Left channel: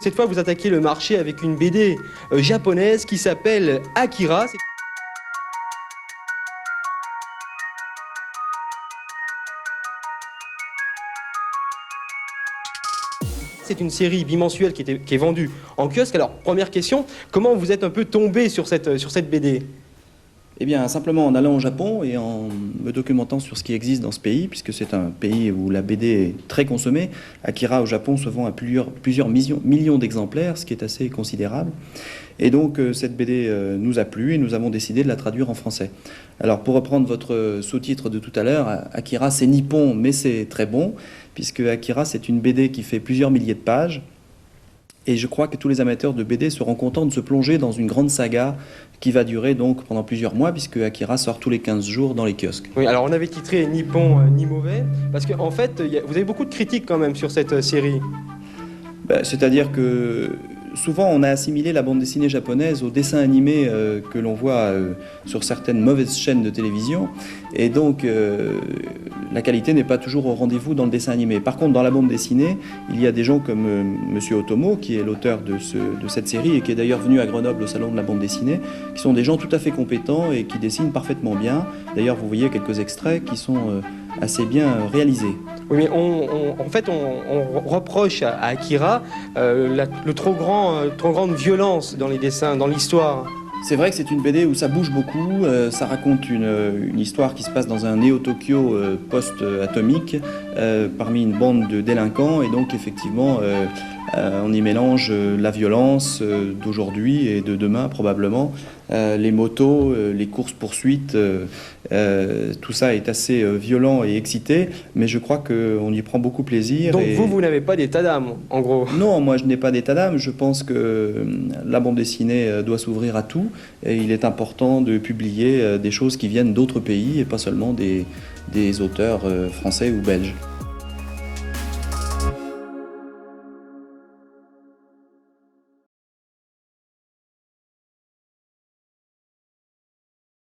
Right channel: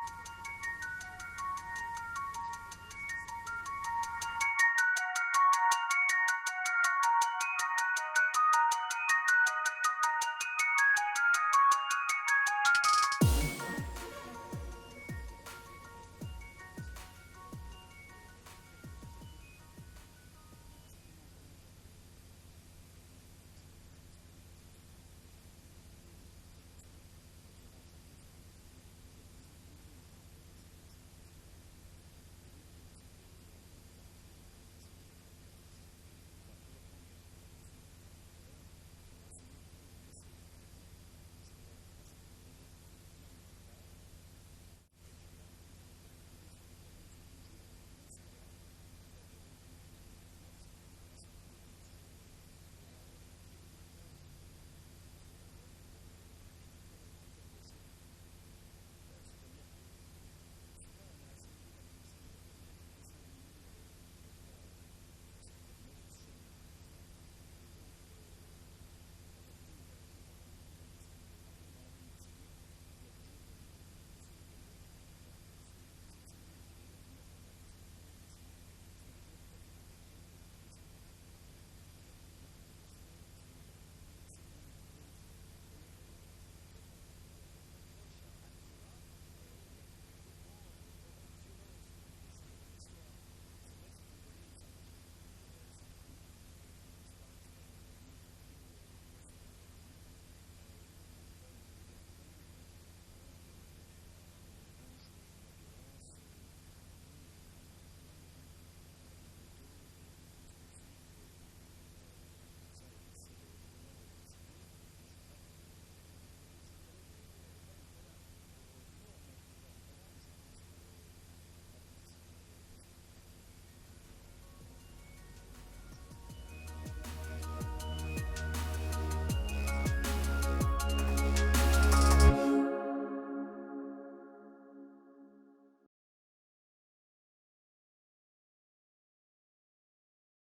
Cette fois, vous attaquez le marché avec une BD japonaise qui s'appelle Akira. C'est une série bimensuelle qui est vendue en kiosque. Alors, première question, comment vous êtes un peu tombé sur cette BD? Eh bien, simplement en allant au Japon et en me documentant sur ce qui existe dans ce pays, puisque c'est un pays où la BD est très consommée. Akira au Japon se vend à plusieurs millions d'exemplaires, ce qui est assez considérable. Et donc, cette BD nous a plu et nous avons décidé de la traduire en français. Alors, pour reprendre votre sous-titre de tout à l'heure, Akira, c'est nippon, mais c'est très bon, puisque Akira, c'est une BD qui fait plusieurs milliers de pages. Et je crois que tous les amateurs de BD seront contents de se plonger dans une grande saga qui va durer donc pendant plusieurs mois, puisque Akira sort tous les 15 jours dans les kiosques. Oui, alors on avait titré Ni bon ni mauvais, parce qu'en fait, vous avez beaucoup de critiques quand même sur cette série. Ben, c'est-à-dire que souvent on a assimilé la bande dessinée japonaise au dessin animé que l'on voit sur certaines mauvaises chaînes de télévision, et donc la qualité n'est pas toujours au rendez-vous dans le dessin animé. Par contre, dans la bande dessinée, il y a des gens comme Monsieur Otomo, qui est l'auteur de cette série et qui est d'ailleurs venu à Grenoble au salon de la bande dessinée, qui sont des gens tout à fait compétents et qui dessinent parfaitement bien. D'ailleurs, vous voyez quelques extraits qui sont assez bien réalisés. Oui, mais en fait, on reproche à Akira le trop grande violence dans les dessins, dans l'histoire. C'est vrai que c'est une BD où ça bouge beaucoup, ça raconte une histoire qui se passe dans un néo-Tokyo post-atomique, parmi une bande de délinquants, et donc effectivement on y mélange la violence d'aujourd'hui et de demain probablement, les motos, les courses-poursuites, tout ça est assez violent et excité, mais je crois qu'on y prend beaucoup plaisir. Donc vous n'avez pas d'état d'âme, en gros? Non, moi je n'ai pas d'état d'âme, je pense que la bande dessinée doit s'ouvrir à tout, et il est important de publier des choses qui viennent d'autres pays et pas seulement des auteurs français ou belges.